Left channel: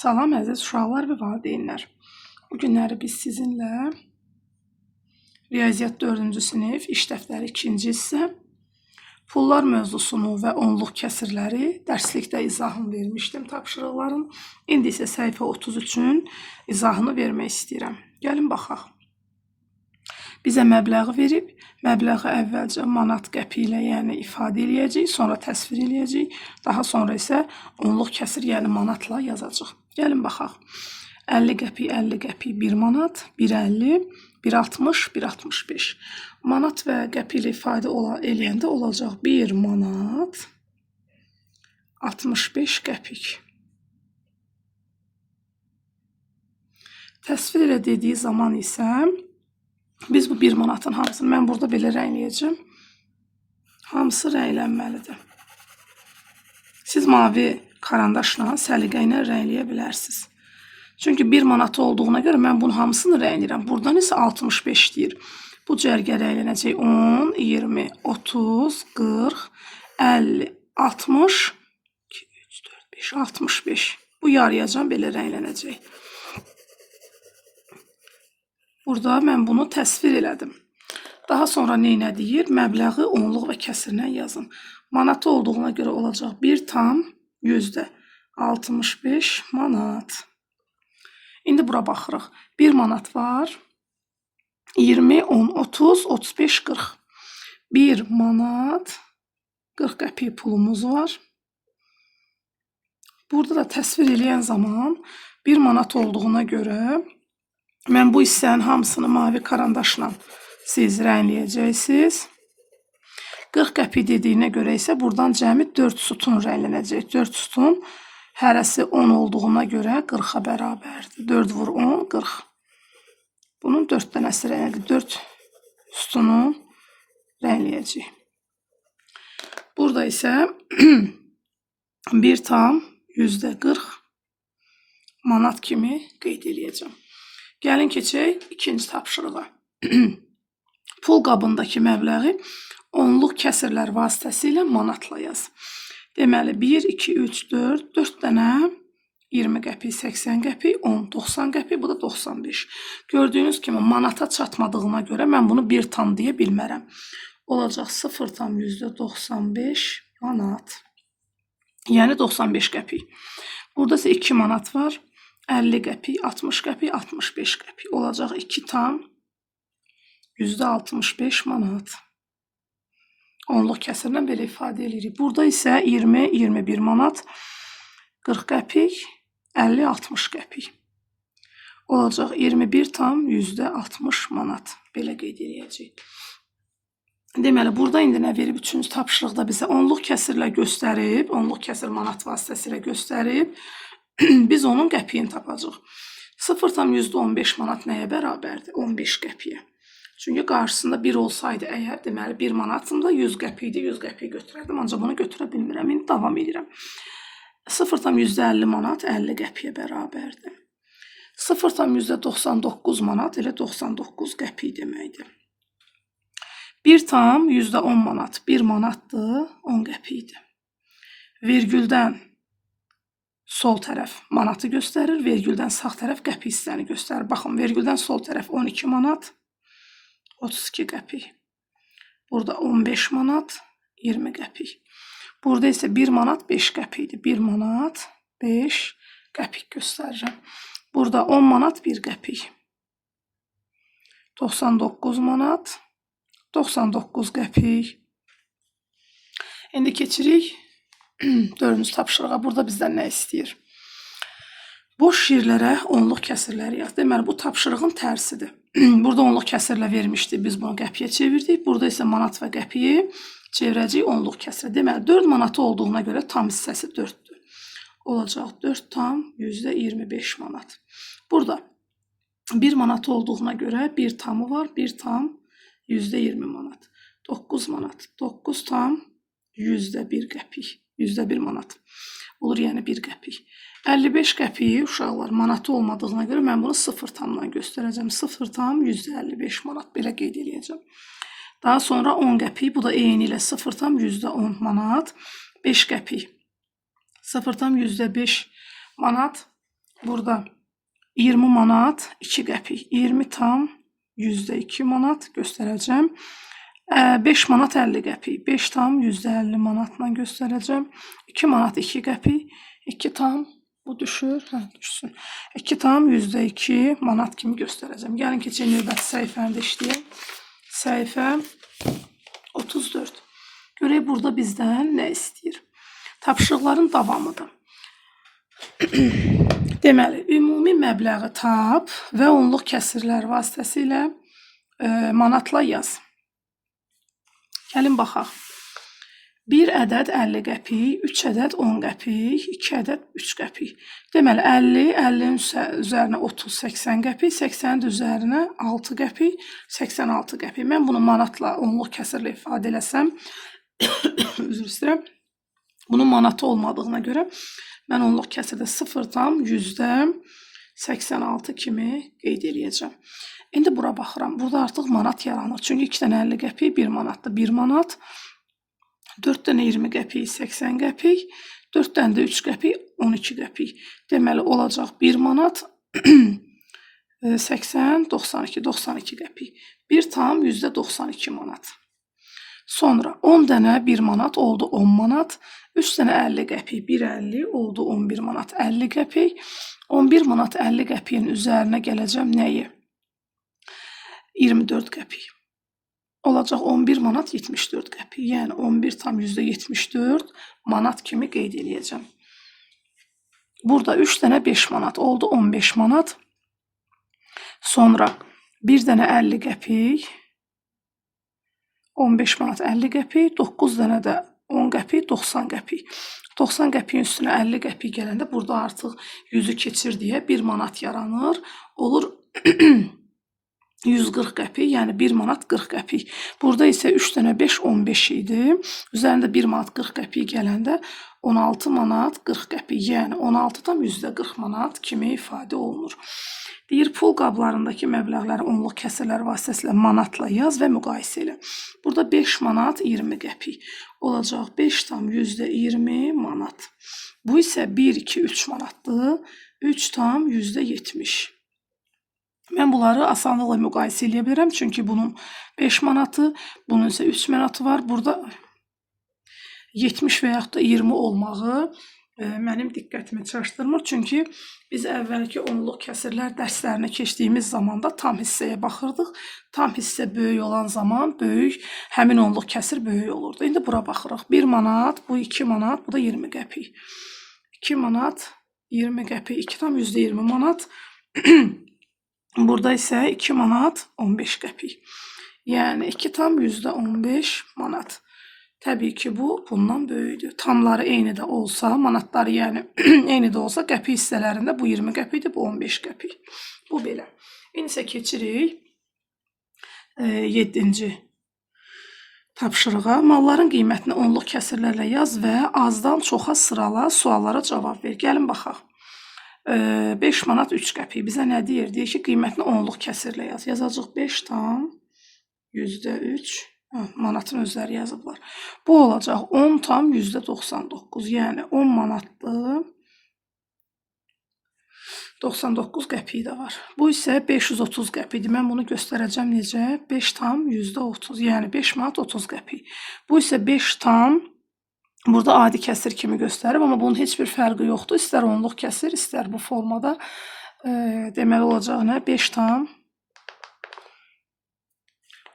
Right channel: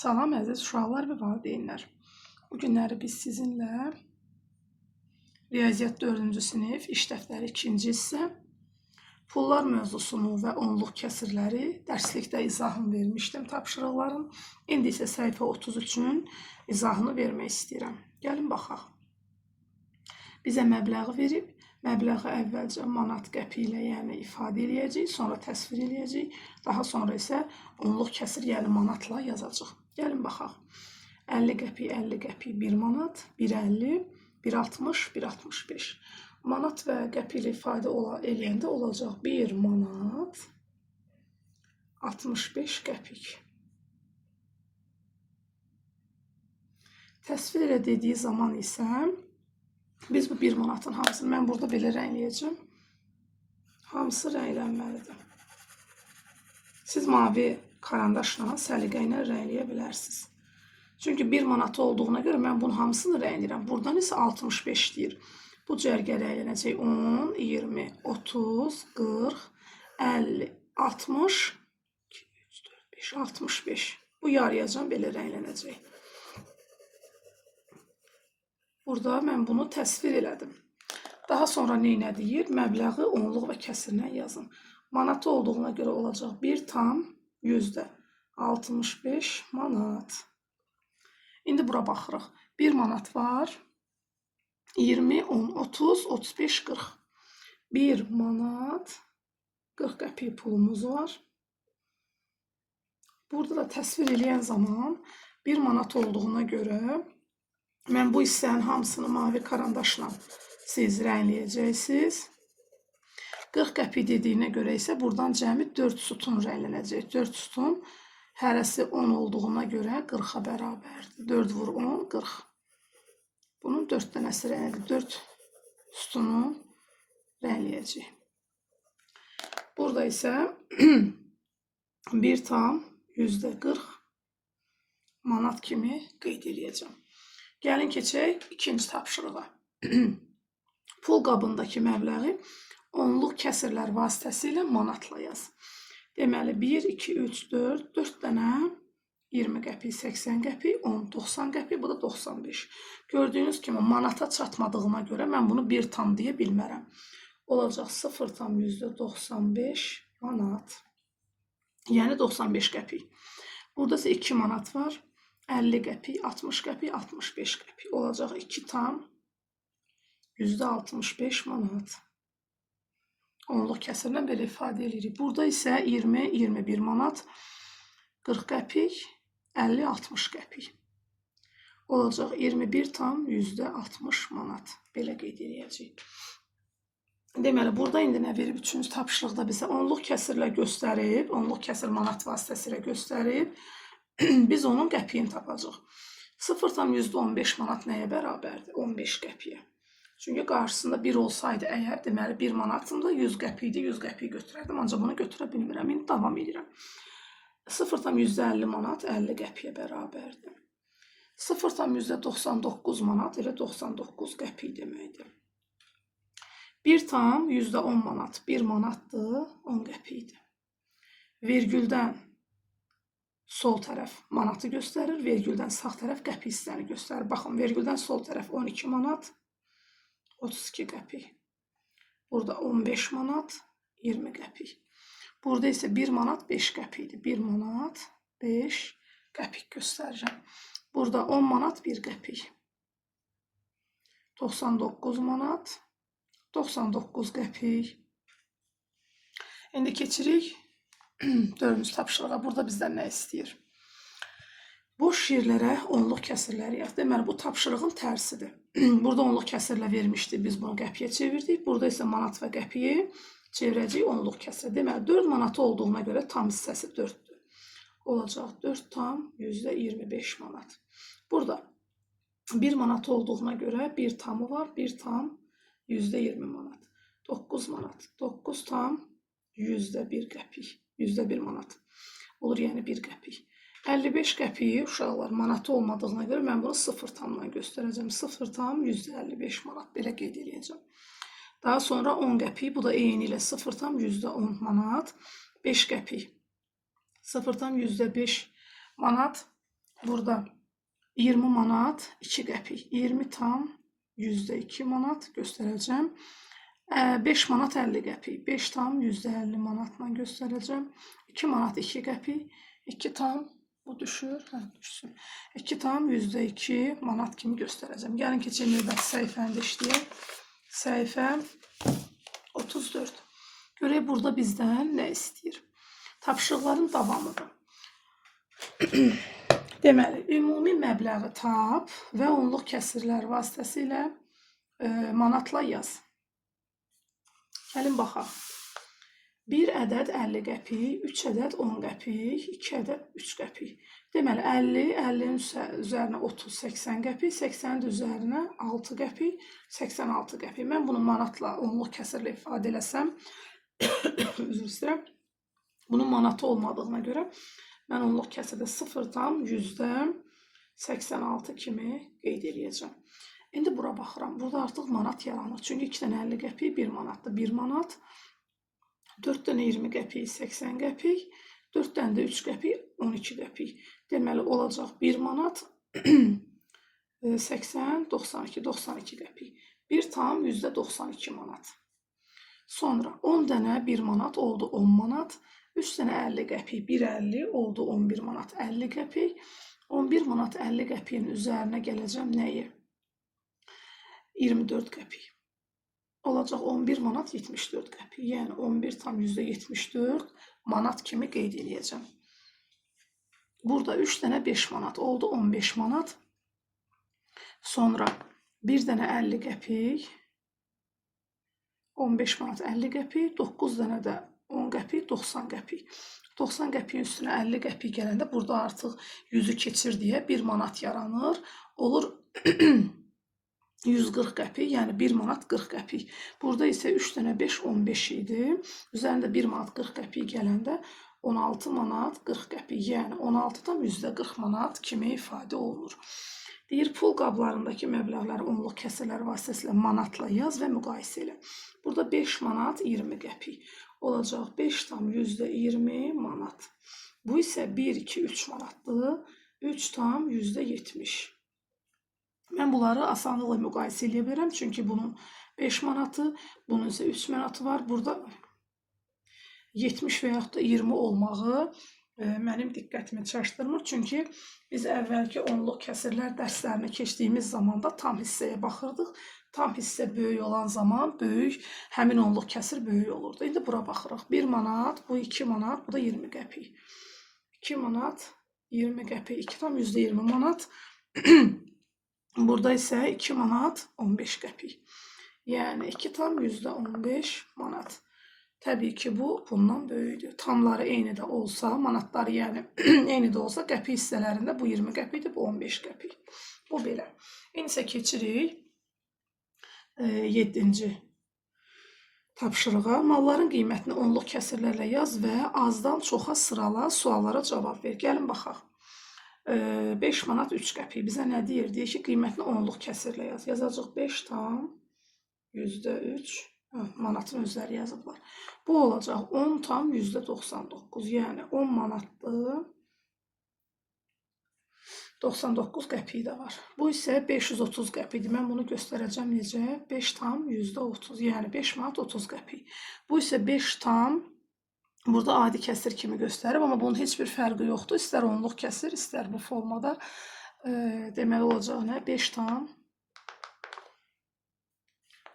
Salam əziz uşaqlar və valideynlər. Bu günləri biz sizinlə Riyaziyyat 4-cü sinif, iş dəftəri 2-ci hissə, pullar mövzusunu və onluq kəsirləri dərslikdə izahını vermişdim tapşırıqların. İndi isə səhifə 33-ün izahını vermək istəyirəm. Gəlin baxaq. Bizə məbləği verib, məbləği əvvəlcə manat qəpi ilə yəni ifadə eləyəcəyik, sonra təsvir eləyəcəyik, daha sonra isə onluq kəsir yəni manatla yazacaq. Gəlin baxaq. 50 qəpik, 50 qəpik 1 manat, 1.50, 1.60, 1.65. Manat və qəpi ilə ifadə eləyəndə olacaq 1 manat 65 qəpik. Təsvir elə dediyi zaman isə biz bu 1 manatın hamısını, mən burada belə rəngləyəcəm. Hamısı rənglənməlidir. Siz mavi karandaşla, səliqə ilə rəngləyə bilərsiniz. Çünki 1 manatı olduğuna görə mən bunun hamısını rəngləyirəm. Buradan isə 65 deyir. Bu cərgə rənglənəcək 10, 20, 30, 40, 50, 60, 2, 3, 4, 5, 65. Bu yarıyacan belə rənglənəcək. Burada mən bunu təsvir elədim. Daha sonra nə deyir? Məbləği onluq və kəsirlə yazın. Manatı olduğuna görə olacaq 1 tam %65 manat. İndi bura baxırıq. 1 manat var. 20, 10, 30, 35, 40. 1 manat 40 qəpik pulumuz var. Burada da təsvir eləyən zaman 1 manat olduğuna görə mən bu hissənin hamısını mavi karandaşla siz rəngləyəcəksiniz. 40 qəpik dediyinə görə isə buradan cəmi 4 sütun rənglənəcək. 4 sütun hərəsi 10 olduğuna görə 40-a bərabərdir. 4 vur 10, 40. Bunun 4 dənəsi rənglənəcək. 4 sütunu rəngləyəcək. Burada isə 1 tam %40 manat kimi qeyd eləyəcəm. Gəlin keçək ikinci tapşırığa. Pul qabındakı məbləği onluq kəsirlər vasitəsilə manatla yaz. Deməli 1, 2, 3, 4, 4 dənə 20 qəpik, 80 qəpik, 10, 90 qəpik, bu da 95. Gördüyünüz kimi manata çatmadığına görə mən bunu 1 tam deyə bilmərəm. Olacaq 0 tam %95 manat. Yəni 95 qəpik. Burada isə 2 manat var. 50 qəpik, 60 qəpik, 65 qəpik. Olacaq 2 tam %65 manat. Onluq kəsirlə belə ifadə edirik. Burada isə 20, 21 manat, 40 qəpik, 50, 60 qəpik. Olacaq 21 tam %60 manat. Belə qeyd edəcəyik. Deməli, burada indi nə verib? 3-cü tapşırıqda bizə onluq kəsirlə göstərib, onluq kəsir manat vasitəsilə göstərib, biz onun qəpiyini tapacaq. 0 tam %15 manat nəyə bərabərdir? 15 qəpiyə. Çünki qarşısında 1 olsaydı əgər, deməli 1 manatında 100 qəpikdir, 100 qəpik götürərdim, ancaq bunu götürə bilmirəm. İndi davam edirəm. 0 tam %50 manat 50 qəpiyə bərabərdir. 0 tam %99 manat elə 99 qəpik deməkdir. 1 tam %10 manat 1 manatdır, 10 qəpikdir. Vergüldən sol tərəf manatı göstərir, vergüldən sağ tərəf qəpik hissəni göstərir. Baxın, vergüldən sol tərəf 12 manat, 32 qəpik. Burada 15 manat, 20 qəpik. Burada isə 1 manat 5 qəpikdir. 1 manat 5 qəpik göstərirəm. Burada 10 manat 1 qəpik. 99 manat, 99 qəpik. İndi keçirik 4-cü tapşırığa. Burada bizdən nə istəyir? Boş yerlərə onluq kəsirləri yaz. Deməli, bu tapşırığın tərsidir. Burada onluq kəsirlə vermişdi. Biz bunu qəpiyə çevirdik. Burada isə manat və qəpiyi çevirəcəyik onluq kəsirə. Deməli, 4 manatı olduğuna görə tam hissəsi 4-dür. Olacaq 4 tam %25 manat. Burada 1 manatı olduğuna görə 1 tamı var. 1 tam %20 manat. 9 manat. 9 tam %1 qəpik. %1 manat. Olur, yəni 1 qəpik. 55 qəpiyi uşaqlar manatı olmadığına görə mən bunu 0 tamdan göstərəcəm. 0 tam %55 manat. Belə qeyd edəcəm. Daha sonra 10 qəpik. Bu da eyni ilə 0 tam %10 manat. 5 qəpik. 0 tam %5 manat. Burada 20 manat 2 qəpik. 20 tam %2 manat göstərəcəm. 5 manat 50 qəpik. 5 tam %50 manatla göstərəcəm. 2 manat 2 qəpik. 2 tam bu düşür. Düşsün. 2 tam %2 manat kimi göstərəcəm. Gəlin keçək növbəti səhifəndə işləyək. Səhifə 34. Görək burada bizdən nə istəyir. Tapşırıqların davamıdır. Deməli, ümumi məbləği tap və onluq kəsirlər vasitəsilə manatla yaz. Gəlin baxaq. 1 ədəd 50 qəpik, 3 ədəd 10 qəpik, 2 ədəd 3 qəpik. Deməli, 50-nin üzərinə 30, 80 qəpik, 80-in üzərinə 6 qəpik, 86 qəpik. Mən bunu manatla onluq kəsirlə ifadə eləsəm, üzr istəyirəm, bunun manatı olmadığına görə mən onluq kəsirdə 0,86 kimi qeyd edəcəm. İndi bura baxıram. Burada artıq manat yaranır. Çünki 2 dənə 50 qəpik 1 manatdır. 1 manat. 4 dənə 20 qəpik 80 qəpik. 4 dənə də 3 qəpik 12 qəpik. Deməli olacaq 1 manat 80, 92, 92 qəpik. 1 tam %92 manat. Sonra 10 dənə 1 manat oldu 10 manat. 3 dənə 50 qəpik 1,50 oldu 11 manat 50 qəpik. 11 manat 50 qəpiyin üzərinə gələcəm nəyi? 24 qəpik. Olacaq 11 manat 74 qəpik. Yəni 11 tam %74 manat kimi qeyd edəcəm. Burada 3 dənə 5 manat oldu 15 manat. Sonra 1 dənə 50 qəpik 15 manat 50 qəpik, 9 dənə də 10 qəpik, 90 qəpik. 90 qəpiyin üstünə 50 qəpik gələndə burada artıq 100-ü keçir deyə 1 manat yaranır. Olur 140 qəpik, yəni 1 manat 40 qəpik. Burada isə 3 dənə 5, 15 idi. Üzərində 1 manat 40 qəpik gələndə 16 manat 40 qəpik, yəni 16-dan %40 manat kimi ifadə olunur. Deyir, pul qablarındakı məbləğləri onluq kəsirlər vasitəsilə manatla yaz və müqayisə elə. Burada 5 manat 20 qəpik olacaq. 5 tam %20 manat. Bu isə 1, 2, 3 manatdır. 3 tam %70. Mən bunları asanlıqla müqayisə edə bilirəm. Çünki bunun 5 manatı, bunun isə 3 manatı var. Burada 70 və yaxud da 20 olmağı mənim diqqətimi çaşdırmır. Çünki biz əvvəlki onluq kəsirlər dərslərinə keçdiyimiz zamanda tam hissəyə baxırdıq. Tam hissə böyük olan zaman həmin onluq kəsir böyük olurdu. İndi bura baxırıq. 1 manat, bu 2 manat, bu da 20 qəpik. 2 manat, 20 qəpik, 2 tam %20 manat. Burada isə 2 manat 15 qəpik. Yəni 2 tam %15 manat. Təbii ki, bu bundan böyükdür. Tamları eyni də olsa, manatları yəni eyni də olsa, qəpik hissələrində bu 20 qəpikdir, bu 15 qəpik. Bu belə. İndi isə keçirik 7-ci tapşırığa. Malların qiymətini onluq kəsirlərlə yaz və azdan çoxa sırala, suallara cavab ver. Gəlin baxaq. 5 manat 3 qəpik bizə nə deyir? Deyir ki, qiymətini onluq kəsirlə yaz. Yazacaq 5 tam %3 manatın özləri yazıblar. Bu olacaq 10 tam %99. Yəni 10 manatdır. 99 qəpik də var. Bu isə 530 qəpikdir. Mən bunu göstərəcəm necə? 5 tam %30. Yəni 5 manat 30 qəpik. Bu isə 5 tam burada adi kəsir kimi göstərib, amma bunun heç bir fərqi yoxdur. İstər onluq kəsir, istər bu formada. Deməli olacaq nə? 5 tam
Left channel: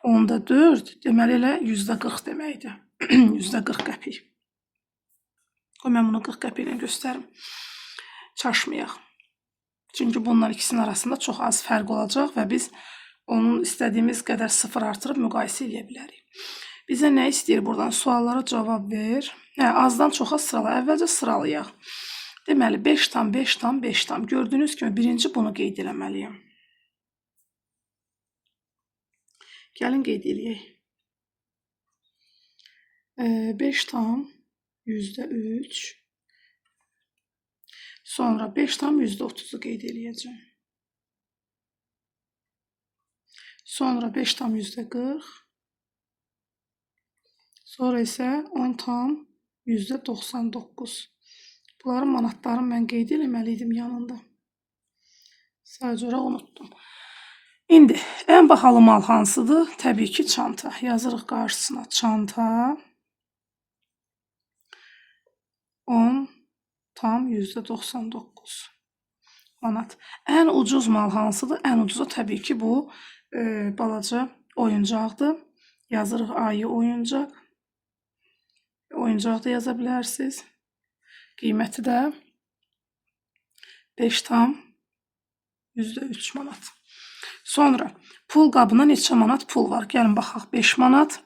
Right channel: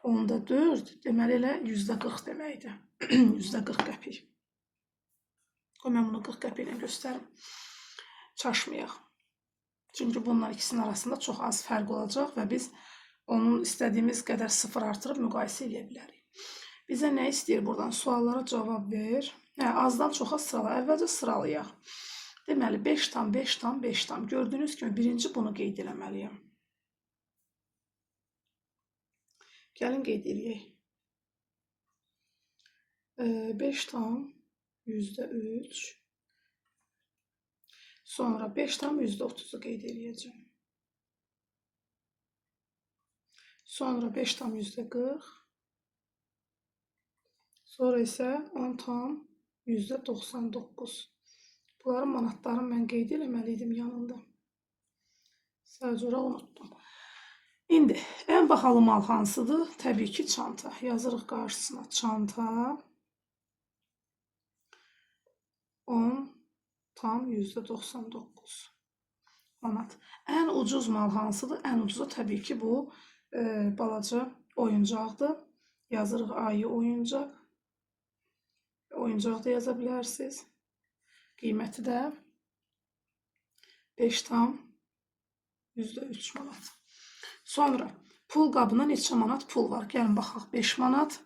10/4, deməli elə %40 deməkdir. %40 qəpik. Mən bunu 40 qəpik ilə göstərim. Çaşmayaq. Çünki bunların ikisinin arasında çox az fərq olacaq və biz onun istədiyimiz qədər sıfır artırıb müqayisə edə bilərik. Bizə nə istəyir buradan? Suallara cavab ver. Azdan çoxa sırala. Əvvəlcə sıralayaq. Deməli 5 tam, 5 tam, 5 tam. Gördüyünüz kimi birinci bunu qeyd eləməliyəm. Gəlin qeyd eləyək. 5 tam %3. Sonra 5 tam %30'u qeyd eləyəcəm. Sonra 5 tam %40. Sonra isə 10 tam %99. Bunların manatlarını mən qeyd eləməliydim yanında. Sadəcə unutdum. İndi ən bahalı mal hansıdır? Təbii ki, çanta. Yazırıq qarşısına çanta. 10,99 manat. Ən ucuz mal hansıdır? Ən ucuzu təbii ki, bu balaca oyuncaqdır. Yazırıq ayı oyuncaq. Oyuncaq da yaza bilərsiniz. Qiyməti də 5,3 manat. Sonra pul qabına neçə manat pul var? Gəlin baxaq. 5 manat,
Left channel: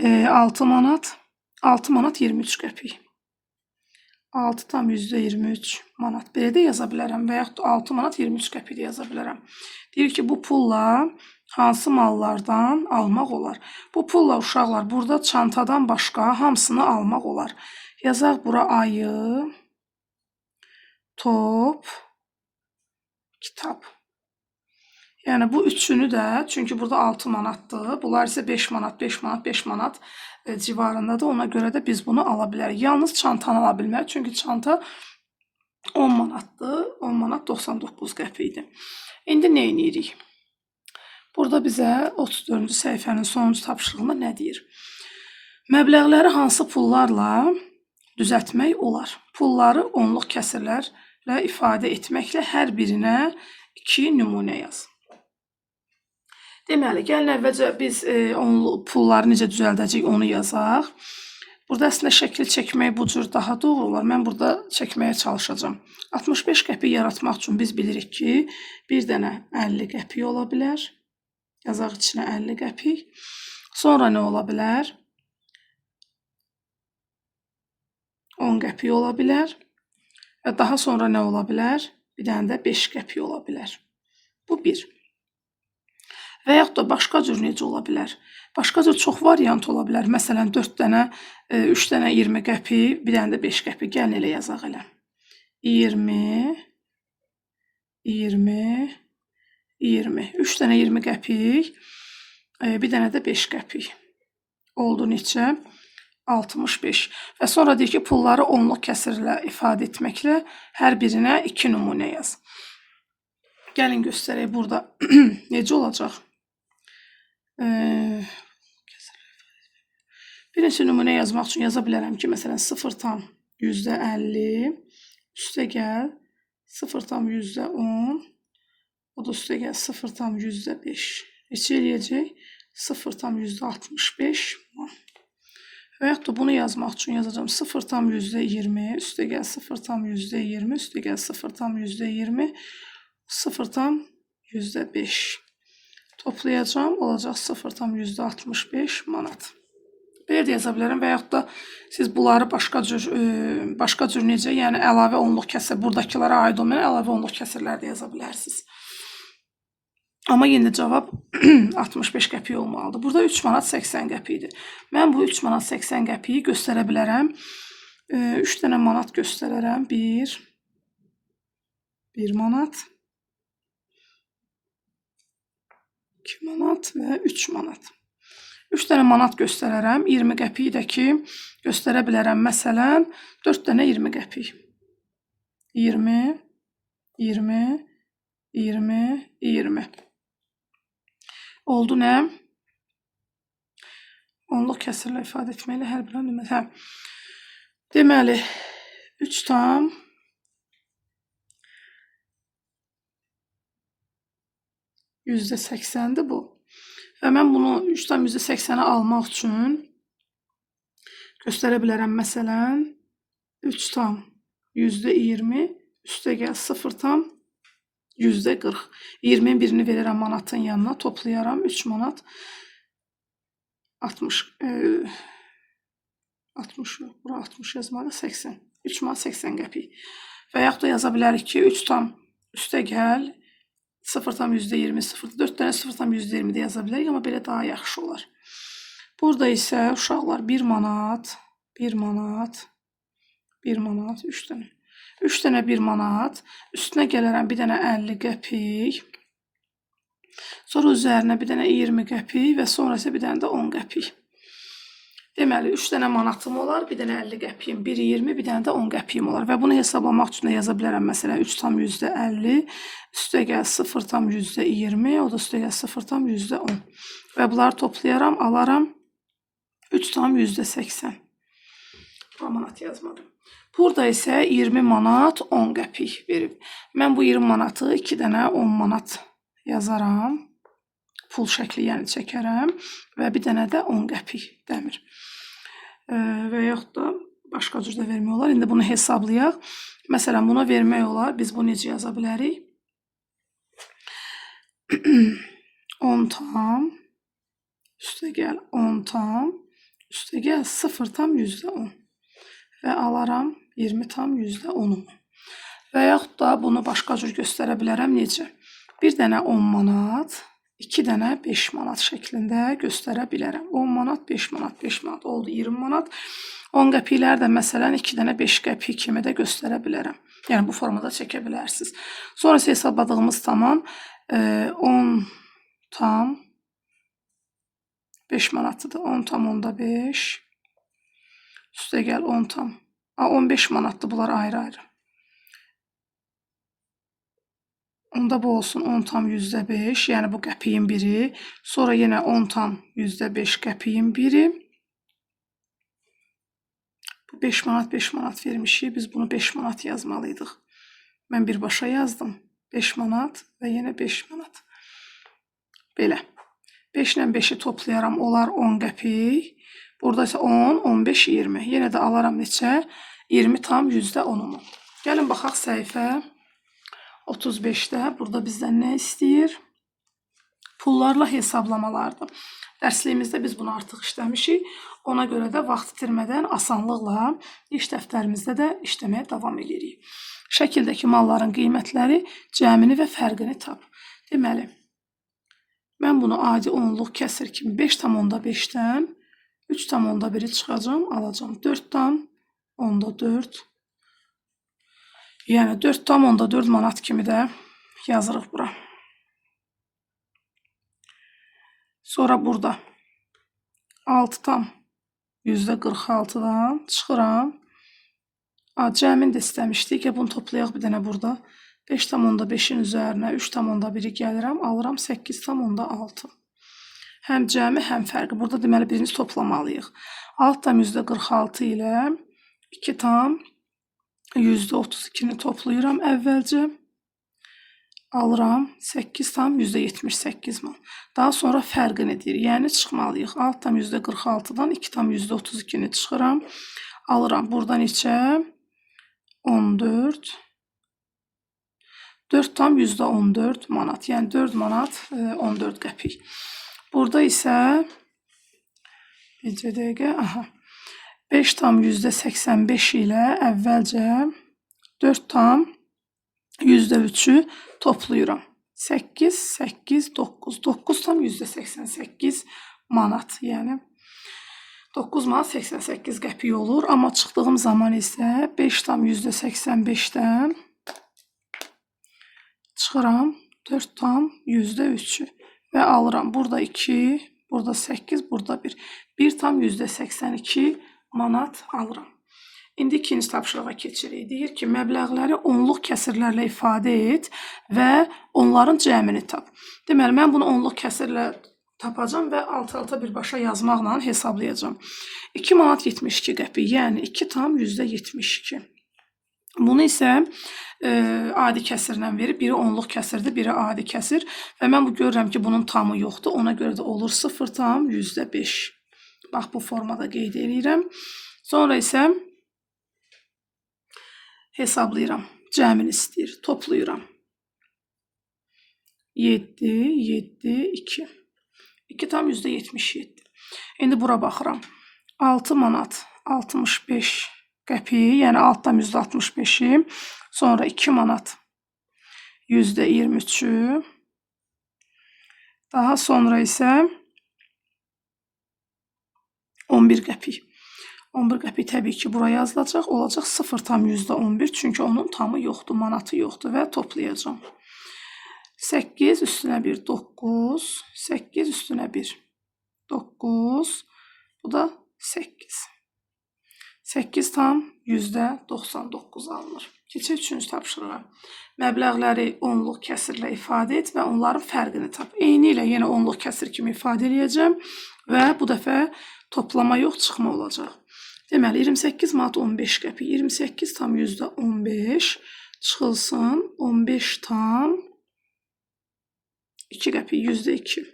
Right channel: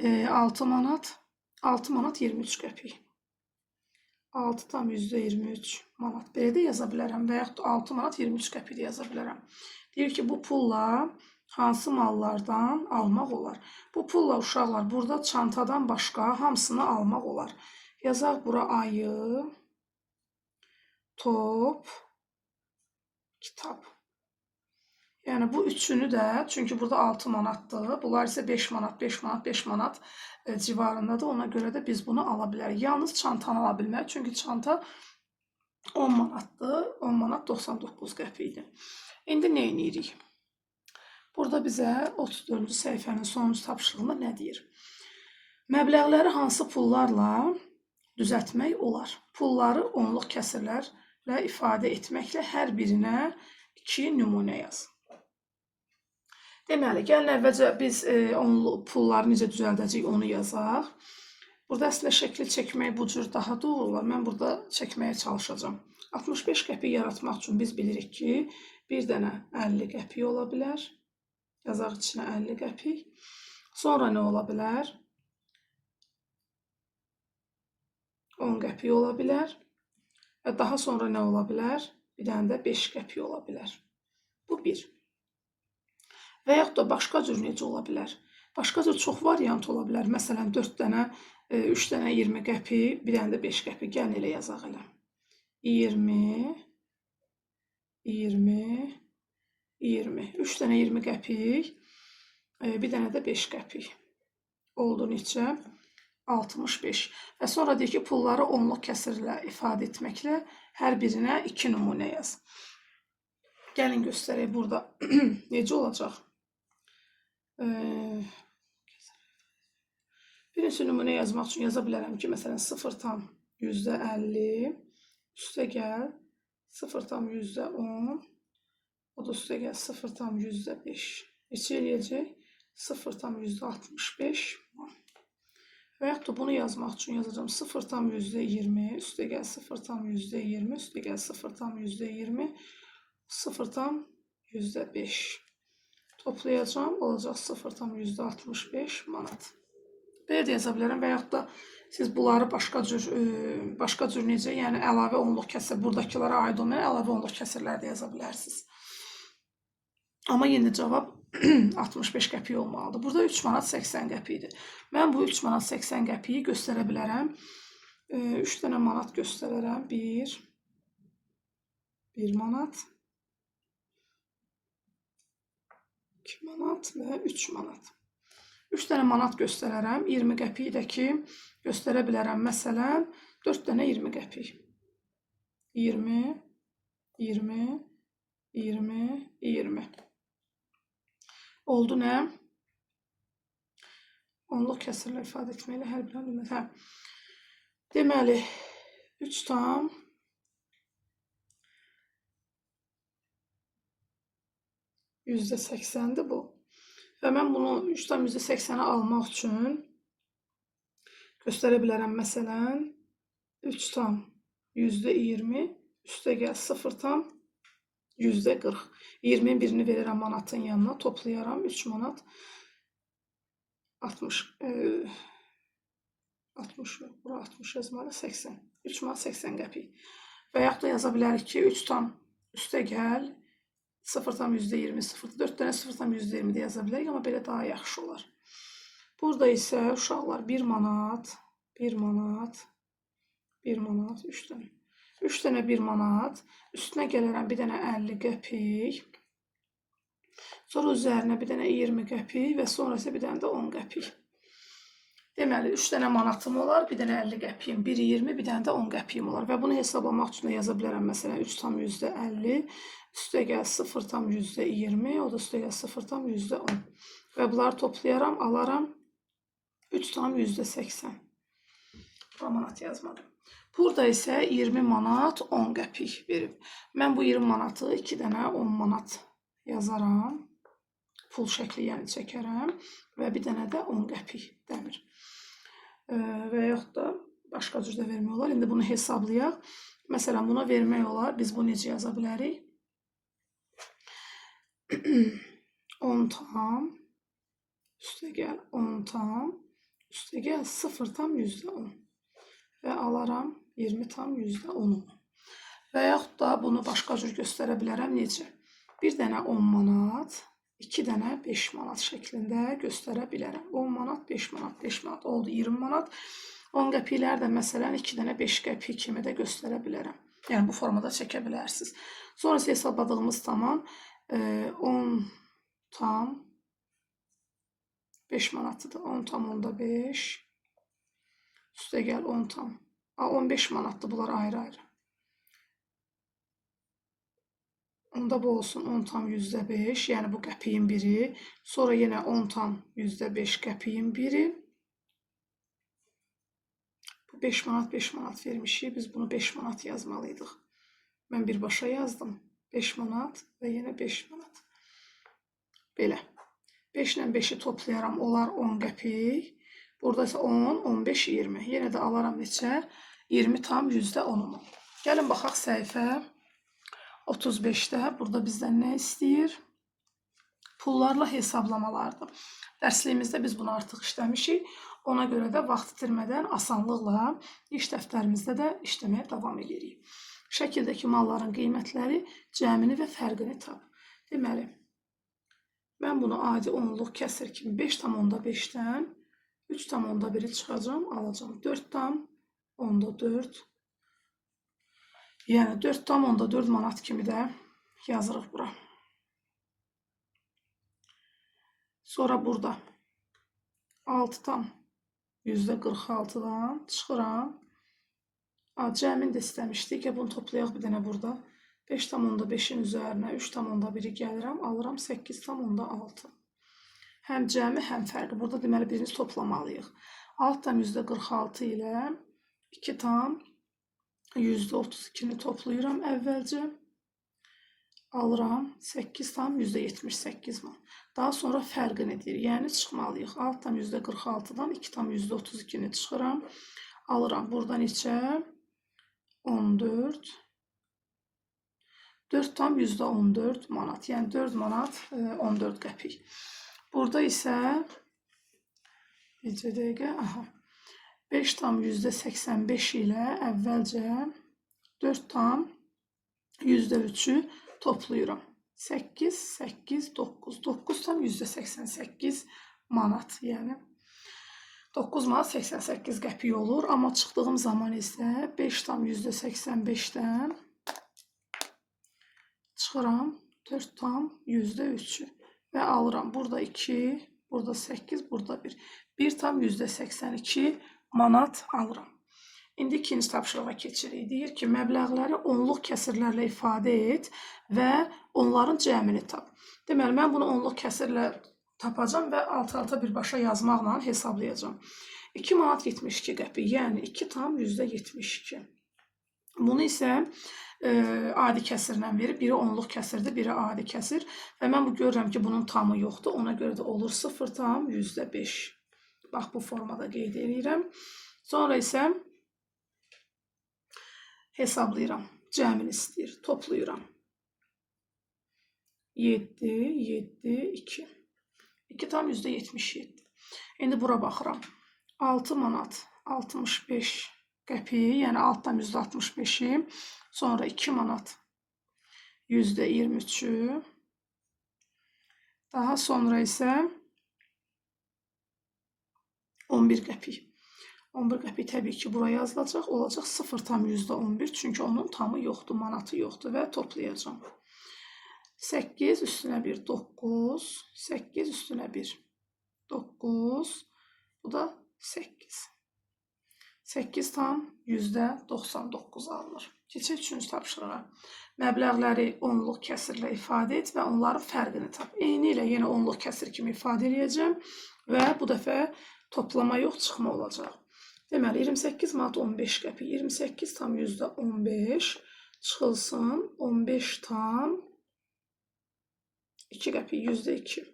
6 manat, 6 manat 23 qəpik. 6 tam %23 manat. Belə də yaza bilərəm və yaxud 6 manat 23 qəpik də yaza bilərəm. Deyir ki, bu pulla hansı mallardan almaq olar? Bu pulla uşaqlar burada çantadan başqa hamısını almaq olar. Yazaq bura ayı, top, kitab. Yəni bu üçünü də, çünki burada 6 manatdır. Bunlar isə 5 manat, 5 manat, 5 manat civarındadır. Ona görə də biz bunu ala bilərik. Yalnız çantanı ala bilmərik. Çünki çanta 10 manatdır. 10 manat 99 qəpikdir. İndi nə edirik? Burada bizə 34-cü səhifənin sonuncu tapşırığında nə deyir? Məbləğləri hansı pullarla düzəltmək olar? Pulları onluq kəsirlərlə ifadə etməklə hər birinə 2 nümunə yaz. Deməli, gəlin əvvəlcə biz pulları necə düzəldəcəyik onu yazaq. Burada əslində şəkil çəkmək bu cür daha doğru olar. Mən burada çəkməyə çalışacağam. 65 qəpik yaratmaq üçün biz bilirik ki, bir dənə 50 qəpik ola bilər. Yazaq içinə 50 qəpik. Sonra nə ola bilər? 10 qəpik ola bilər. Və daha sonra nə ola bilər? Bir dənə də 5 qəpik ola bilər. Bu bir. Və yaxud da başqa cür necə ola bilər? Başqa cür çox variant ola bilər. Məsələn, 4 dənə, 3 dənə 20 qəpik, bir dənə də 5 qəpik. Gəlin elə yazaq elə. 20, 20, 20. 3 dənə 20 qəpik, bir dənə də 5 qəpik. Oldu neçə? 65. Və sonra deyir ki, pulları onluq kəsirlə ifadə etməklə hər birinə 2 nümunə yaz. Gəlin göstərək burada necə olacaq? Birinci nümunə yazmaq üçün yaza bilərəm ki, məsələn, 0,50 üstə gəl 0,10, o da üstə gəl 0,5. Neçə eləyəcək? 0,65. Və yaxud da bunu yazmaq üçün yazacağım 0,20, üstə gəl 0,20, üstə gəl 0,20, 0,5. Toplayacağım, olacaq 0,65 manat. Belə də yaza bilərəm və yaxud da siz bunları başqa cür necə, yəni əlavə onluq kəsir, buradakılara aid olmayan əlavə onluq kəsirlər də yaza bilərsiniz. Amma yenə cavab 65 qəpik olmalıdır. Burada 3 manat 80 qəpikdir. Mən bu 3 manat 80 qəpiyi göstərə bilərəm. 3 dənə manat göstərərəm. 1 manat, 2 manat və 3 manat. 3 dənə manat göstərərəm. 20 qəpiyi də ki, göstərə bilərəm. Məsələn, 4 dənə 20 qəpik. 20, 20, 20, 20. Oldu nə? Onluq kəsirlə ifadə etməklə hər bir nümunə. Deməli, 3 tam %80'dir bu. Və mən bunu 3 tam %80'ə almaq üçün göstərə bilərəm. Məsələn, 3 tam %20 üstə gəl 0 tam %40. 20'nin birini verirəm manatın yanına, toplayaram 3 manat 60 yok, bura 60 yazmalı 80. 3 manat 80 qəpik. Və yaxud da yaza bilərik ki, 3 tam üstə gəl 0 tam %20, 4 dənə 0 tam %20 də yaza bilərik, amma belə daha yaxşı olar. Burada isə uşaqlar 1 manat, 1 manat, 1 manat, 3 dənə. 3 dənə 1 manat, üstünə gələrəm bir dənə 50 qəpik, sonra üzərinə bir dənə 20 qəpik və sonra isə bir dənə də 10 qəpik. Deməli 3 dənə manatım olar, bir dənə 50 qəpiyim, biri 20, bir dənə də 10 qəpiyim olar və bunu hesablamaq üçün də yaza bilərəm. Məsələn 3,50 üstəgəl 0,20, o da üstəgəl 0,10 və bunları toplayaram, alaram 3,80. Bura manat yazmadım. Burada isə 20 manat 10 qəpik verib. Mən bu 20 manatı 2 dənə 10 manat yazaram. Pul şəkli yəni çəkərəm və bir dənə də 10 qəpik dəmir. Və yaxud da başqa cür də vermək olar. İndi bunu hesablayaq. Məsələn, buna vermək olar. Biz bunu necə yaza bilərik? 10 tam üstəgəl 10 tam üstəgəl 0,10 və alaram 20,10. Və yaxud da bunu başqa cür göstərə bilərəm. Necə? Bir dənə 10 manat 2 dənə 5 manat şəklində göstərə bilərəm. 10 manat, 5 manat, 5 manat oldu 20 manat. 10 qəpiklər də məsələn 2 dənə 5 qəpik kimi də göstərə bilərəm. Yəni bu formada çəkə bilərsiniz. Sonra hesabladığımız zaman 10 tam 5 manatıdır. 10 tam onda 5 üstəgəl 10 tam. 15 manatdır bunlar ayrı-ayrı. Onda bu olsun 10 tam %5, yəni bu qəpiyin biri. Sonra yenə 10 tam %5 qəpiyin biri. Bu 5 manat 5 manat vermişik. Biz bunu 5 manat yazmalıydıq. Mən birbaşa yazdım. 5 manat və yenə 5 manat. Belə. 5 ilə 5-i toplayaram. Olar 10 qəpik. Burada isə 10, 15, 20. Yenə də alaram neçə? 20 tam %10'umu. Gəlin baxaq səhifə 35'də. Burada bizdən nə istəyir? Pullarla hesablamalardır. Dərsliyimizdə biz bunu artıq işləmişik. Ona görə də vaxt itirmədən asanlıqla iş dəftərimizdə də işləməyə davam edirik. Şəkildəki malların qiymətləri, cəmini və fərqini tap. Deməli, mən bunu adi onluq kəsir kimi 5,5-dən 3,1-i çıxacam, alacam 4,4. Yəni 4,4 manat kimi də yazırıq bura. Sonra burada 6,46-dan çıxıram. Cəmin də istəmişdik. Bunu toplayaq bir dənə burada. 5,5-in üzərinə 3,1-i gəlirəm. Alıram 8,6. Həm cəmi, həm fərqi. Burada deməli birinci toplamalıyıq. 6,46 ilə 2,32-ni toplayıram əvvəlcə. Alıram 8,78 man. Daha sonra fərqini deyir. Yəni çıxmalıyıq. 6,46-dan 2,32-ni çıxıram. Alıram. Burada neçə? 14. 4,14 manat. Yəni 4 manat 14 qəpik. Burada isə bir dəqiqə. 5,85 ilə əvvəlcə 4,3-ü toplayıram. 8, 8, 9. 9,88 manat. Yəni 9 manat 88 qəpik olur. Amma çıxdığım zaman isə 5,85-dən çıxıram 4,3-ü və alıram. Burada 2, burada 8, burada 1. 1,82 manat alıram. İndi ikinci tapşırığa keçirik. Deyir ki, məbləğləri onluq kəsirlərlə ifadə et və onların cəmini tap. Deməli, mən bunu onluq kəsirlə tapacam və alt-alta birbaşa yazmaqla hesablayacam. 2 manat 72 qəpik, yəni 2 tam %72. Bunu isə adi kəsirlə verir. Biri onluq kəsirdir, biri adi kəsir. Və mən bu görürəm ki, bunun tamı yoxdur. Ona görə də olur 0,5. Bax, bu formada qeyd edirəm. Sonra isə hesablayıram. Cəmini istəyir. Toplayıram. 7, 7, 2. 2 tam %77. İndi bura baxıram. 6 manat 65 qəpik, yəni altdan %65-i. Sonra 2 manat %23-ü. Daha sonra isə 11 qəpik. 11 qəpik təbii ki, bura yazılacaq. Olacaq 0,11. Çünki onun tamı yoxdur, manatı yoxdur və toplayacağım. 8 üstünə 1, 9. 8 üstünə 1, 9. Bu da 8. 8 tam %99 alınır. Keçək 3-cü tapşırığa. Məbləğləri onluq kəsirlə ifadə et və onların fərqini tap. Eyni ilə yenə onluq kəsir kimi ifadə edəcəm və bu dəfə toplama yox, çıxma olacaq. Deməli, 28 manat 15 qəpik. 28 tam %15 çıxılsın 15 tam 2 qəpik, %2.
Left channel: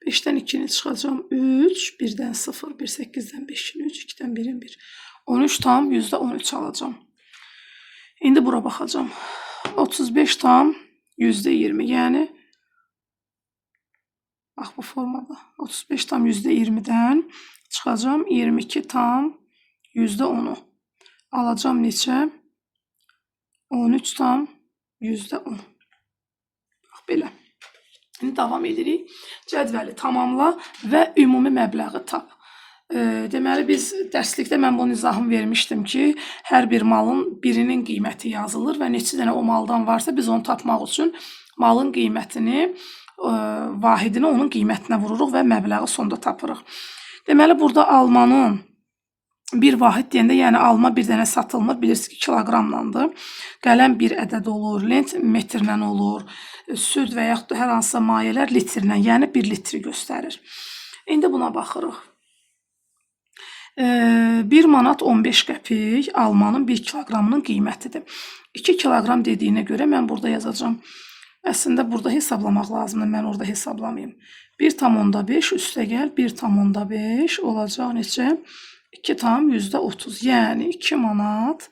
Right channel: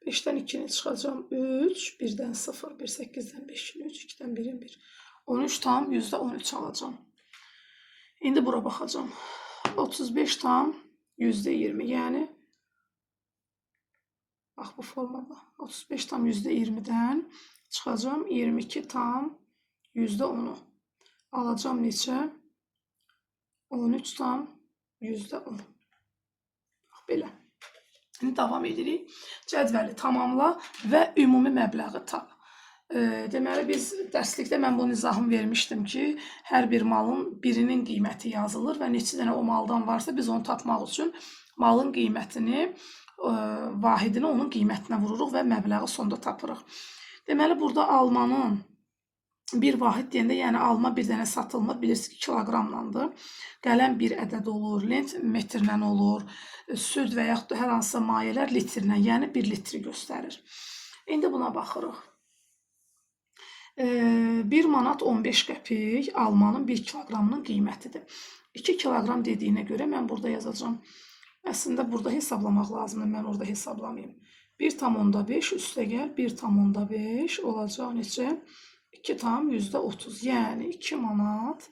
5-dən 2-ni çıxacam 3, 1-dən 0, 1, 8-dən 5-in 3, 2-dən 1-in 1. 13 tam %13 alacam. İndi bura baxacam. 35 tam %20, yəni bax bu formada. 35 tam %20-dən çıxacam 22 tam %10-u. Alacam neçə? 13 tam %10. Bax belə. İndi davam edirik. Cədvəli tamamla və ümumi məbləği tap. Deməli, biz dərslikdə mən bunun izahını vermişdim ki, hər bir malın birinin qiyməti yazılır və neçə dənə o maldan varsa biz onu tapmaq üçün malın qiymətini, vahidini onun qiymətinə vururuq və məbləği sonda tapırıq. Deməli, burada almanın bir vahid deyəndə, yəni alma bir dənə satılmır, bilirsiniz ki, kiloqramlandır. Qələm bir ədəd olur, lent metrlə olur, süd və yaxud da hər hansısa mayelər litrlə, yəni 1 litri göstərir. İndi buna baxırıq. 1 manat 15 qəpik almanın 1 kiloqramının qiymətidir. 2 kiloqram dediyinə görə mən burada yazacağım. Əslində burada hesablamaq lazımdır, mən orada hesablamayım. 1,5 üstə gəl 1,5 olacaq neçə? 2 tam %30, yəni 2 manat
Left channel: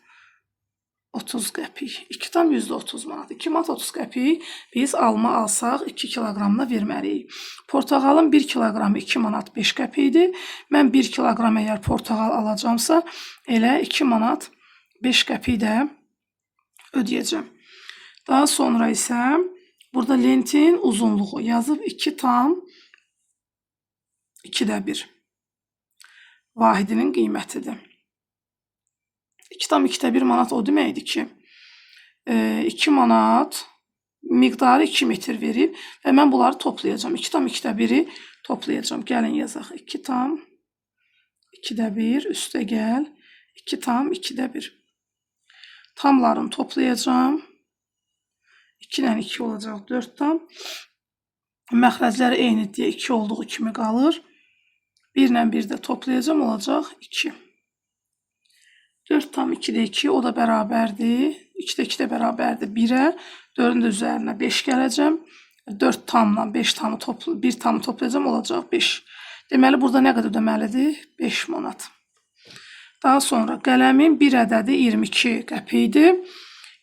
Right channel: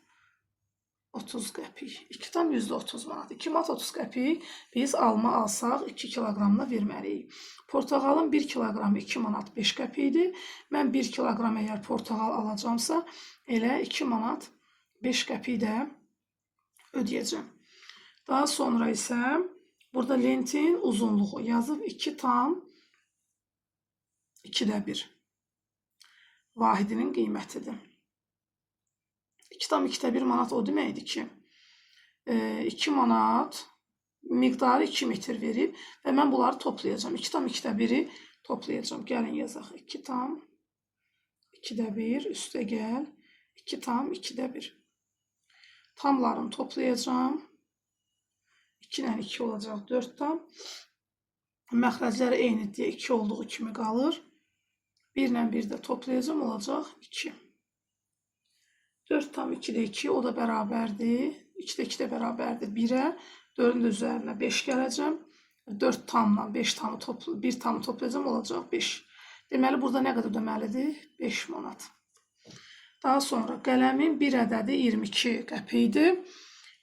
30 qəpik. 2 tam %30 manat. 2 manat 30 qəpik biz alma alsaq 2 kiloqramla verməliyik. Portağalın 1 kiloqramı 2 manat 5 qəpikdir. Mən 1 kiloqram əgər portağal alacamsa, elə 2 manat 5 qəpik də ödəyəcəm. Daha sonra isə burada lentin uzunluğu yazıb 2 tam 2də 1. Vahidinin qiymətidir. 2 tam 2də 1 manat o deməkdir ki, 2 manat miqdarı 2 metr verib və mən bunları toplayacağım. 2 tam 2də 1-i toplayacağım. Gəlin yazaq. 2 tam 2də 1 üstə gəl 2 tam 2də 1. Tamlarını toplayacağım. 2 ilə 2 olacaq 4 tam. Məxrəcləri eyni deyə 2 olduğu kimi qalır. 1 ilə 1 də toplayacağım, olacaq 2. 4 tam 2də 2, o da bərabərdir. 2də 2 də bərabərdir 1-ə. 4-ün də üzərinə 5 gələcəm. 4 tamla 5 tamı bir tamı toplayacağım, olacaq 5. Deməli, burada nə qədər ödəməlidir? 5 manat. Daha sonra qələmin 1 ədədi 22 qəpikdir.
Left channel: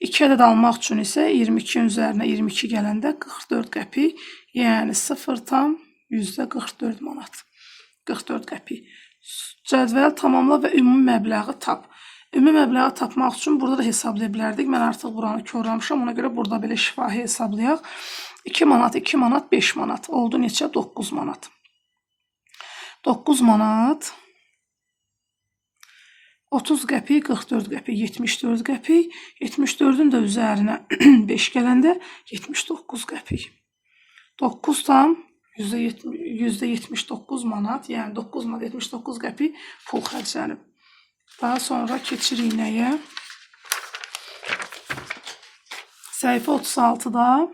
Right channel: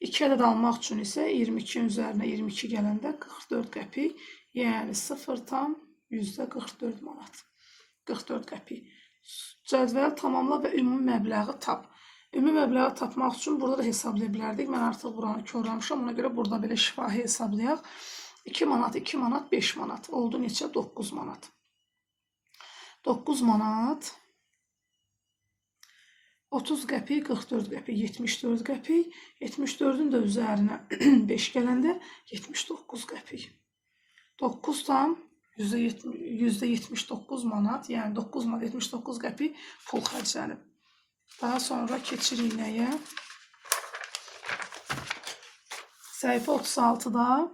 2 ədəd almaq üçün isə 22-nin üzərinə 22 gələndə 44 qəpik. Yəni 0 tam %44 manat. 44 qəpik. Cədvəl tamamla və ümumi məbləği tap. Ümumi məbləği tapmaq üçün burada da hesablaya bilərdik. Mən artıq buranı körləmişəm. Ona görə burada belə şifahi hesablayaq. 2 manat, 2 manat, 5 manat. Oldu neçə? 9 manat. 9 manat 30 qəpik, 44 qəpik, 74 qəpik. 74-ün də üzərinə 5 gələndə 79 qəpik. 9 tam %79 manat, yəni 9 manat 79 qəpik pul xərclənib. Daha sonra keçirik nəyə? Səhifə 36-da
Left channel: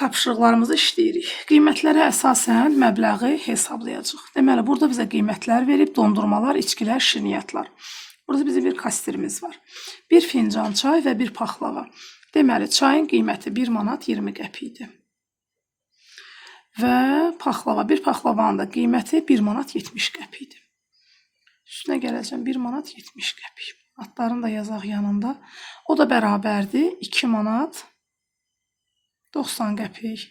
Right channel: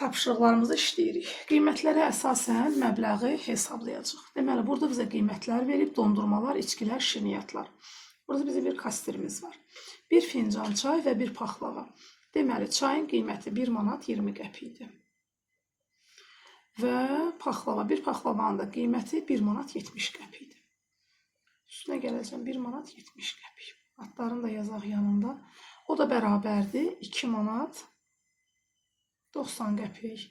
tapşırıqlarımızı işləyirik. Qiymətlərə əsasən məbləği hesablayacaq. Deməli, burada bizə qiymətlər verib, dondurmalar, içkilər, şirniyyatlar. Burada bizim bir kastirimiz var. Bir fincan çay və bir paxlava. Deməli, çayın qiyməti 1 manat 20 qəpikdir. Və paxlava, bir paxlavanın da qiyməti 1 manat 70 qəpikdir. Üstünə gələcəm 1 manat 70 qəpik. Adlarını da yazaq yanında. O da bərabərdir 2 manat 90 qəpik.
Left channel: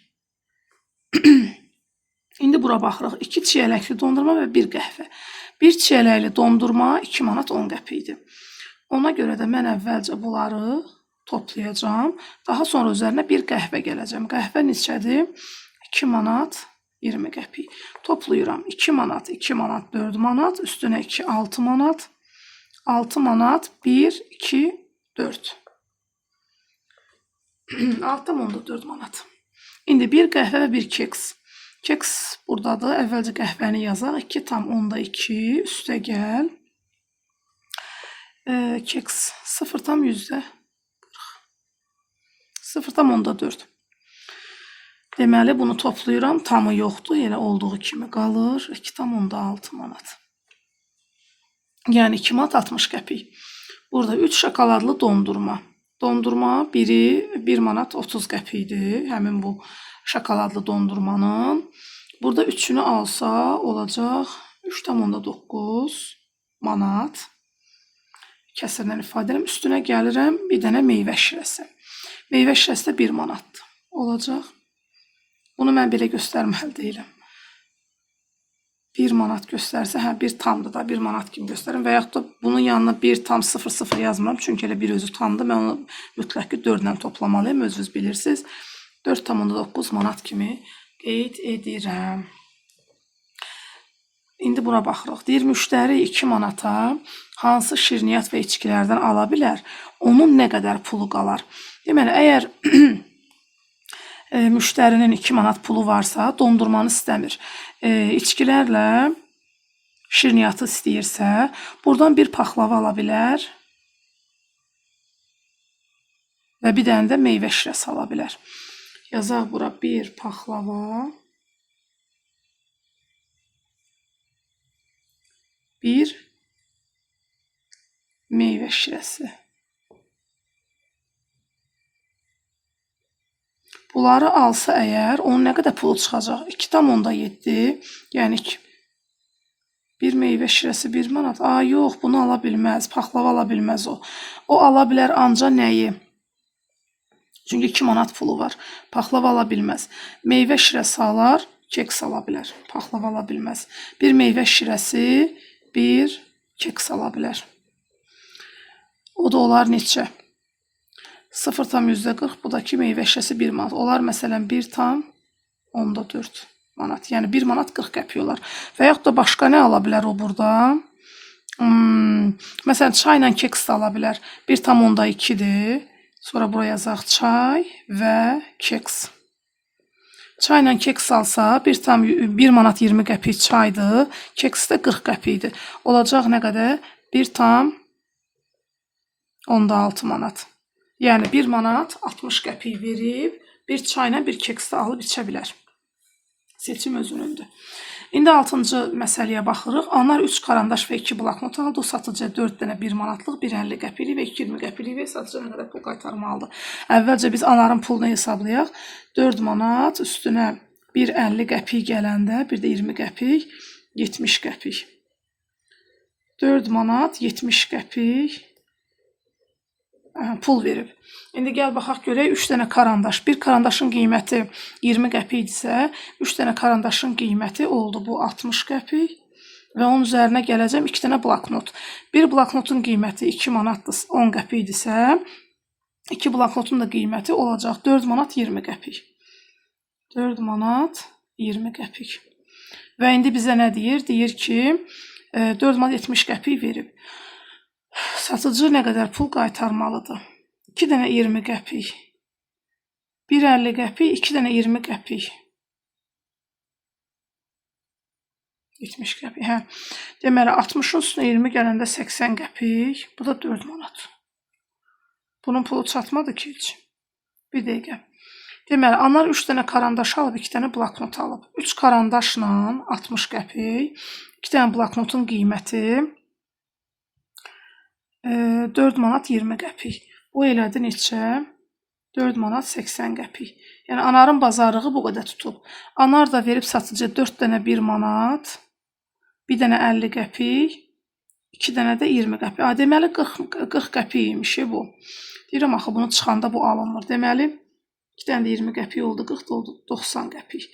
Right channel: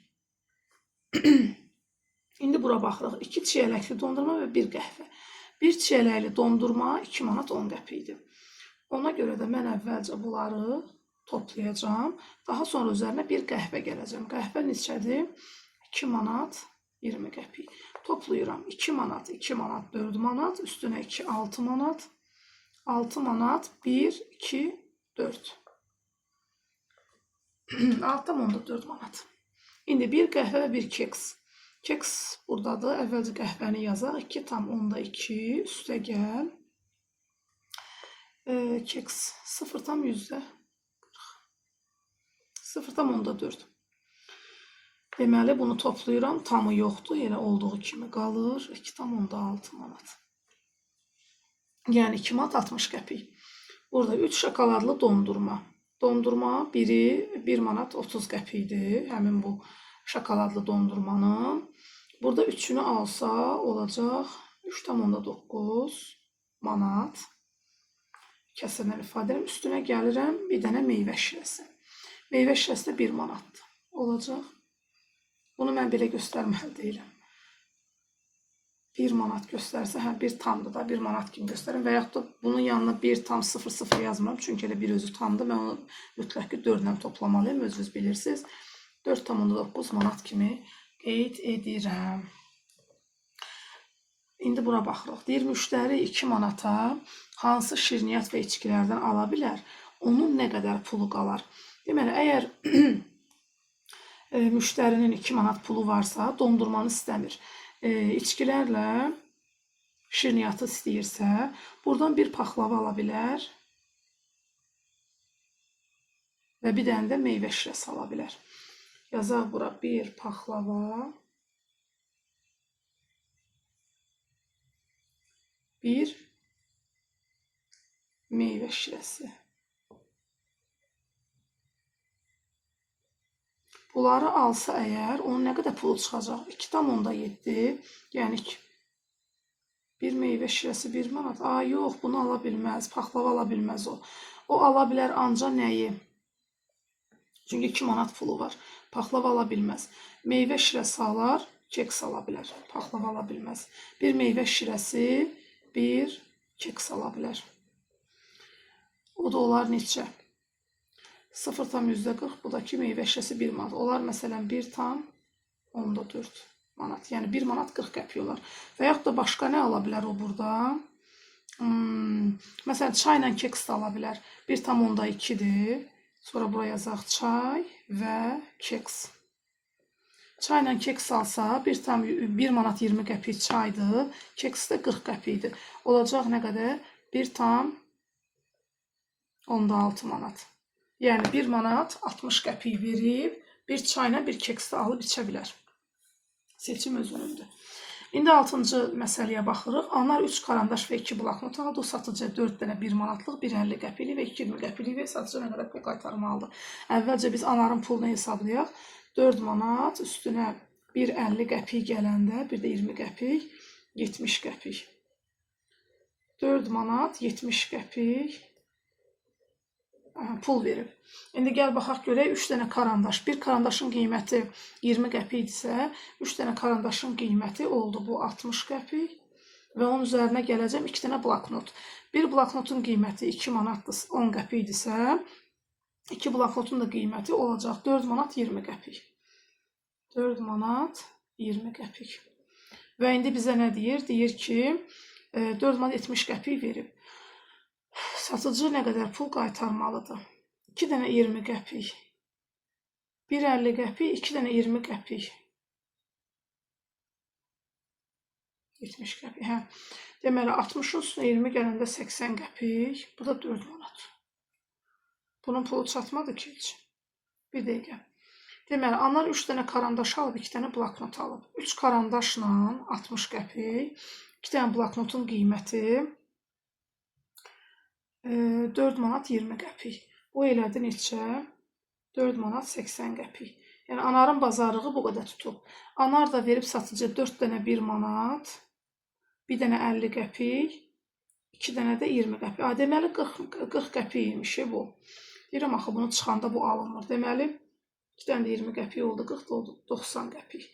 İndi bura baxırıq. 2 çiyələkli dondurma və 1 qəhvə. 1 çiyələkli dondurma 2 manat 10 qəpikdir. Ona görə də mən əvvəlcə bunları toplayacağım. Daha sonra üzərinə 1 qəhvə gələcəm. Qəhvə neçədir? 2 manat 20 qəpik. Toplayıram. 2 manat, 2 manat, 4 manat. Üstünə 2, 6 manat. 6 manat, 1, 2, 4. 6 manat, 4 manat. İndi 1 qəhvə və 1 keks. Keks buradadır. Əvvəlcə qəhvəni yazaq. 2,2 üstə gəl. Keks 0,40. 0,4. Deməli, bunu toplayıram. Tamı yoxdur. Elə olduğu kimi qalır. 2,6 manat. Yəni 2 manat 60 qəpik. Burada 3 şokoladlı dondurma. Dondurma biri 1 manat 30 qəpikdir. Həmin bu şokoladlı dondurmanın. Burada 3'ünü alsa olacaq 3,9 manat. Kəsirlə ifadə edirəm. Üstünə gəlirəm bir dənə meyvə şirəsi. Meyvə şirəsi də 1 manatdır. Olacaq. Bunu mən belə göstərməli deyiləm. 1 manat göstərsə, hə 1 tamdır da 1 manat kimi göstərim və yaxud da bunun yanına 1,00 yazmıram. Çünki elə bir özü tamdır. Mən onu mütləq ki 4 ilə toplamalıyım. Özünüz bilirsiniz. 4,9 manat kimi qeyd edirəm. İndi buna baxırıq. Deyir, müştəri 2 manata hansı şirniyyat və içkilərdən ala bilər? Onun nə qədər pulu qalar? Deməli, əgər müştərinin 2 manat pulu varsa, dondurmanı istəmir. İçkilərlə şirniyyatı istəyirsə, buradan bir paxlava ala bilər və bir dənə də meyvə şirəsi ala bilər. Yazaq bura bir paxlava, bir meyvə şirəsi. Bunları alsa əgər, onun nə qədər pulu çıxacaq? 2,7, yəni bir meyvə şirəsi 1 manat. Yox, bunu ala bilməz, paxlava ala bilməz o. O ala bilər anca nəyi? Çünki 2 manat pulu var. Paxlava ala bilməz. Meyvə şirəsi alar, keks ala bilər. Paxlava ala bilməz. Bir meyvə şirəsi, bir keks ala bilər. O da olar neçə? 0,40, bu da ki meyvə şirəsi 1 manat. Olar məsələn 1,4 manat. Yəni 1 manat 40 qəpik olar. Və yaxud da başqa nə ala bilər o burada? Məsələn çayla keks də ala bilər. 1,2-dir. Sonra buraya yazaq çay və keks. Çayla keks alsa 1 manat 20 qəpik çaydır. Keks də 40 qəpikdir. Olacaq nə qədər? 1,16 manat. Yəni 1 manat 60 qəpik verib, bir çayla bir keks də alıb içə bilər. Seçim özünündür. İndi 6-cı məsələyə baxırıq. Anar 3 karandaş və 2 bloknot aldı. O satıcıya 4 dənə 1 manatlıq, 1,50 qəpiklik və 2,20 qəpiklik və satıcıya nə qədər pul qaytarmalıdır? Əvvəlcə biz anarın pulunu hesablayaq. 4 manat üstünə 1,50 qəpik gələndə, bir də 20 qəpik, 70 qəpik. 4 manat 70 qəpik pul verib. İndi gəl baxaq görək 3 dənə karandaş. Bir karandaşın qiyməti 20 qəpikdirsə, 3 dənə karandaşın qiyməti oldu bu 60 qəpik və onun üzərinə gələcəm 2 dənə bloknot. Bir bloknotun qiyməti 2 manatdır, 10 qəpikdirsə, 2 bloknotun da qiyməti olacaq 4 manat 20 qəpik. 4 manat 20 qəpik. Və indi bizə nə deyir? Deyir ki, 4 manat 70 qəpik verib. Satıcı nə qədər pul qaytarmalıdır? 2 dənə 20 qəpik, 1,50 qəpik, 2 dənə 20 qəpik. 70 qəpik, hə. Deməli, 60-ın üstünə 20 gələndə 80 qəpik, bu da 4 manat. Bunun pulu çatmadı ki heç. Bir dəqiqə. Deməli, anar 3 dənə karandaş alıb, 2 dənə bloknot alıb. 3 karandaşla 60 qəpik, 2 dənə bloknotun qiyməti 4 manat 20 qəpik. Bu elədi neçə? 4 manat 80 qəpik. Yəni anarın bazarlığı bu qədər tutub. Anar da verib satıcıya 4 dənə 1 manat, bir dənə 50 qəpik, 2 dənə də 20 qəpik. Deməli 40 qəpik imiş bu. Deyirəm axı bunu çıxanda bu alınmır. Deməli 2 dənə də 20 qəpik oldu, 40 oldu 90 qəpik.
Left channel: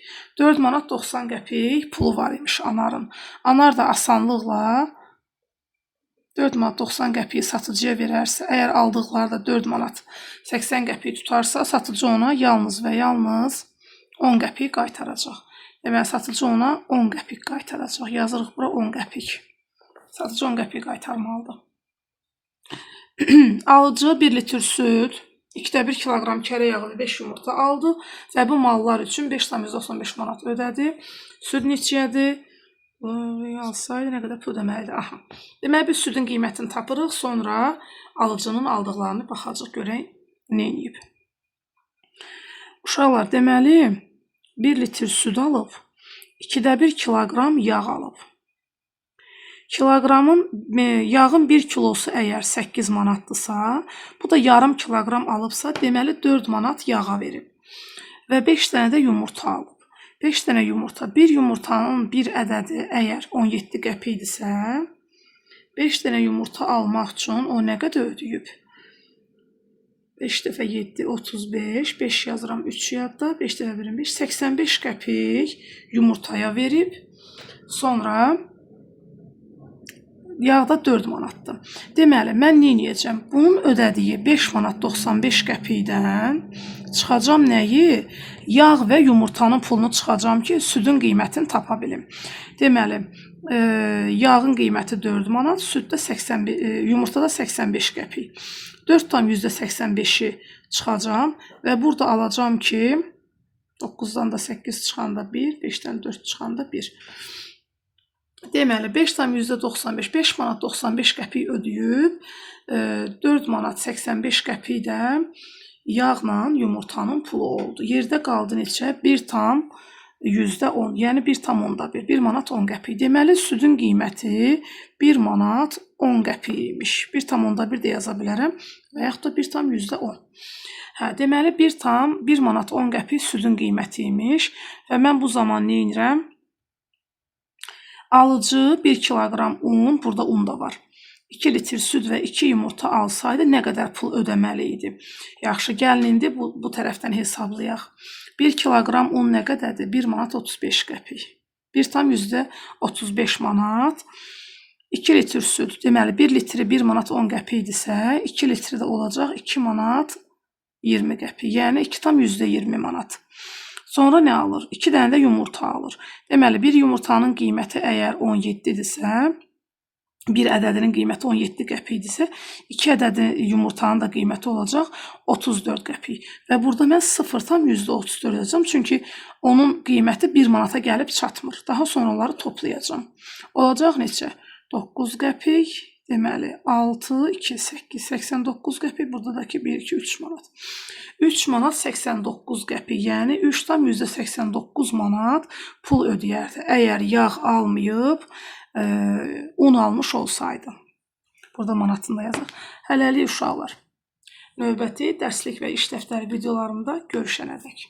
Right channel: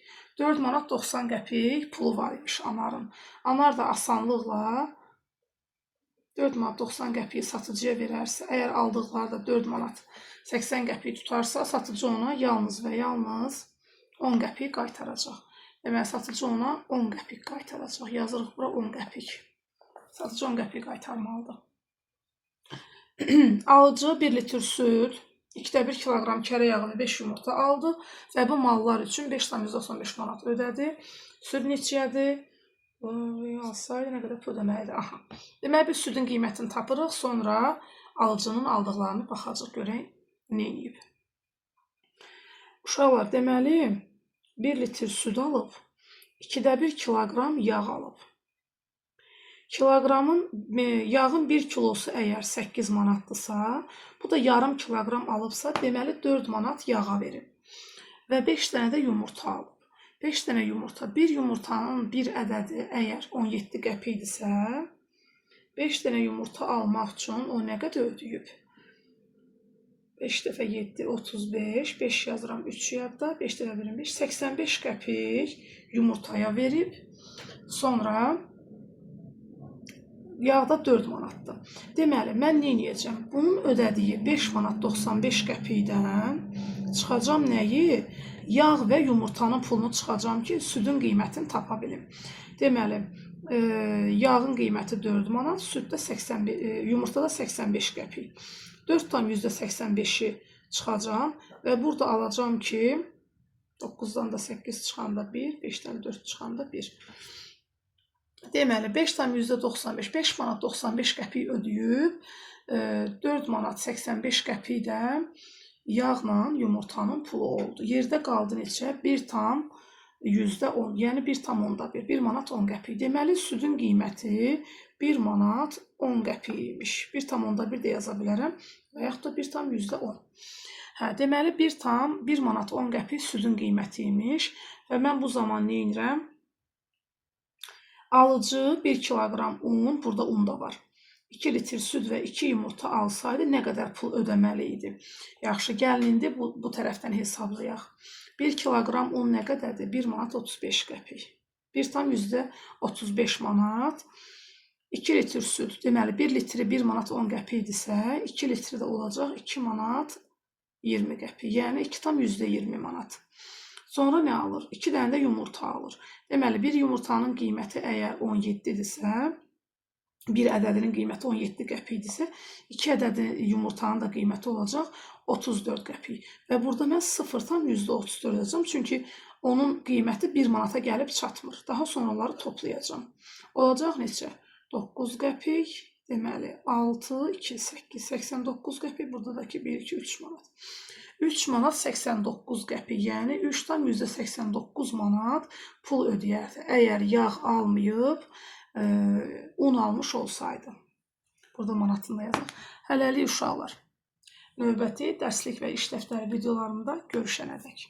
4 manat 90 qəpik pulu var imiş anarın. Anar da asanlıqla 4 manat 90 qəpiyi satıcıya verərsə, əgər aldıqları da 4 manat 80 qəpiyi tutarsa, satıcı ona yalnız və yalnız 10 qəpik qaytaracaq. Deməli, satıcı ona 10 qəpik qaytaracaq. Yazırıq bura 10 qəpik. Satıcı 10 qəpik qaytarmalıdır. Alıcı 1 litr süd 1 kiloqram kərə yağı və 5 yumurta aldı və bu mallar üçün 5,95 manat ödədi. Süd neçədir? Real sayı nə qədər pul ödəməlidir? Aha. Deməli, biz südün qiymətini tapırıq, sonra alıcının aldıqlarını baxacaq, görək nə edib. Uşaqlar, deməli, 1 litr süd alıb, 1 kiloqram yağ alıb. Yağın 1 kilosu əgər 8 manatdırsa, bu da yarım kiloqram alıbsa, deməli 4 manat yağa verib. Və 5 dənə də yumurta alıb. 5 dənə yumurta, bir yumurtanın bir ədədi əgər 17 qəpikdirsə, 5 dənə yumurta almaq üçün o nə qədər ödəyib? 5 dəfə 7, 35, 5 yazıram 3 yadda, 5 dəfə 25, 85 qəpik yumurtaya verib. Sonra yağda 4 manatdır. Deməli, mən nə edəcəm? Bunun ödədiyi 5 manat 95 qəpikdən çıxacam nəyi? Yağ və yumurtanın pulunu çıxacam ki, südün qiymətini tapa bilim. Deməli, yağın qiyməti 4 manat, yumurtada 85 qəpik. 4,85-i çıxacam və burada alacam ki, 9-dan da 8 çıxanda 1, 5-dən 4 çıxanda 1. Deməli, 5,95, 5 manat 95 qəpik ödəyib, 4 manat 85 qəpik də yağla yumurtanın pulu oldu. Yerdə qaldı neçə? 1,10, yəni 1,1, 1 manat 10 qəpik. Deməli, südün qiyməti 1 manat 10 qəpik imiş. 1,1 də yaza bilərəm və yaxud da 1,10. Deməli, 1 manat 10 qəpik südün qiyməti imiş və mən bu zaman nə edirəm? Alıcı 1 kiloqram un, burada un da var. 2 litr süd və 2 yumurta alsaydı nə qədər pul ödəməli idi? Yaxşı, gəlin indi bu tərəfdən hesablayaq. 1 kiloqram un nə qədərdir? 1 manat 35 qəpik. 1,35 manat. 2 litr süd, deməli 1 litri 1 manat 10 qəpikdirsə, 2 litri də olacaq 2 manat 20 qəpik. Yəni 2,20 manat. Sonra nə alır? 2 dənə də yumurta alır. Deməli, bir yumurtanın qiyməti əgər 17-dirsə, bir ədədinin qiyməti 17 qəpikdirsə, 2 ədədi yumurtanın da qiyməti olacaq 34 qəpik. Və burada mən 0,34 yazacağım, çünki onun qiyməti 1 manata gəlib çatmır. Daha sonra onları toplayacağım. Olacaq neçə? 9 qəpik, deməli 6, 2, 8, 89 qəpik, burada da ki 1, 2, 3 manat. 3 manat 89 qəpik, yəni 3,89 manat pul ödəyərdi. Əgər yağ almayıb, un almış olsaydı. Burada manatında yazır. Hələlik uşaqlar. Növbəti dərslik və iş dəftəri videolarımda görüşənədək.